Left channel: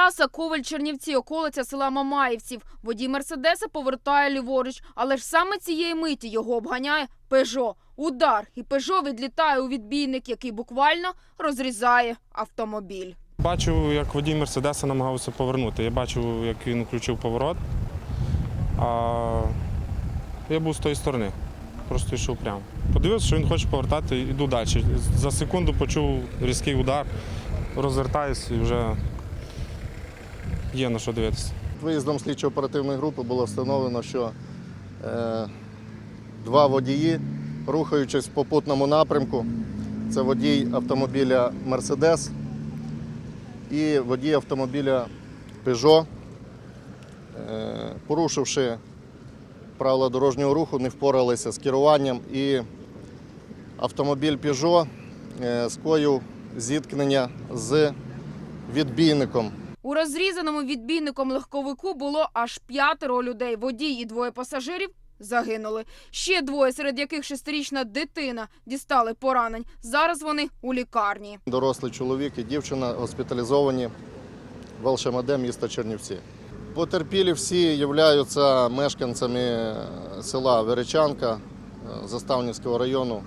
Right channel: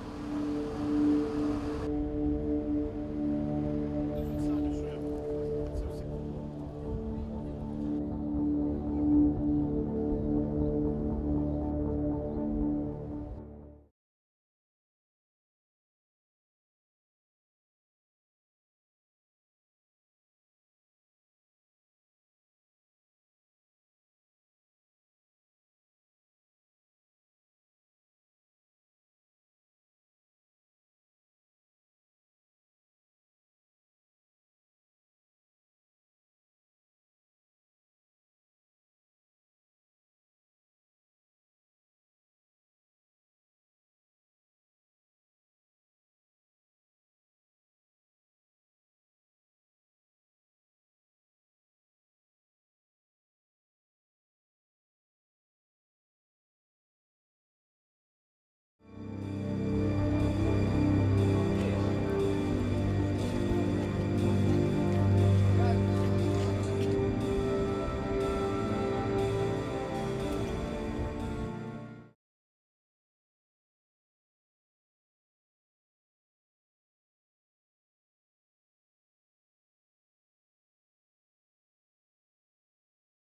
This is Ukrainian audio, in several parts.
Траса Коваль-Чернівці, околиця села Мамаївців. Водій Мерседеса повертає ліворуч, але ж саме цієї миті його обганяє Пежо. Удар, і Пежо відлітає у відбійник, який буквально розрізає автомобіль. Бачив, як водій Мерседеса намагався повернути. Я бачив, як він включив поворот. А я був з тої сторони, просто йшов прямо. Подивився, що він хоче повертати, йду далі. За секунду почув різкий удар, розвертаюсь і вже є на що дивитися. Виїздом слідчо-оперативної групи було встановлено, що е, два водії, рухаючись в попутному напрямку, це водій автомобіля Мерседес і водій автомобіля е, порушивши правила дорожнього руху, не впоралися з керуванням і автомобіль е, скоїв зіткнення з відбійником. У розрізаному відбійником легковику було аж п'ятеро людей. Водій і двоє пасажирів загинули. Ще двоє, серед яких шестирічна дитина дістали поранень. Зараз вони у лікарні. Дорослий чоловік і дівчина госпіталізовані в Алшемаде міста Чернівці. Потерпілі всі являються мешканцями села Веречанка е, Заставнівського району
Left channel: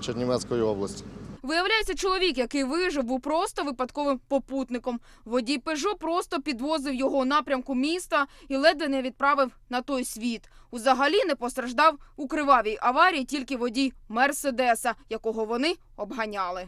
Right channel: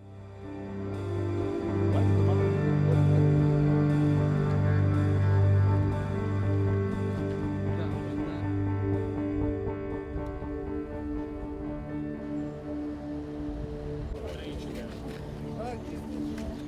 Чернівецької області. Виявляється, чоловік, який вижив, був просто випадковим попутником. Водій Пежо просто підвозив його у напрямку міста і ледве не відправив на той світ. Узагалі не постраждав у кривавій аварії тільки водій Мерседеса, якого вони обганяли.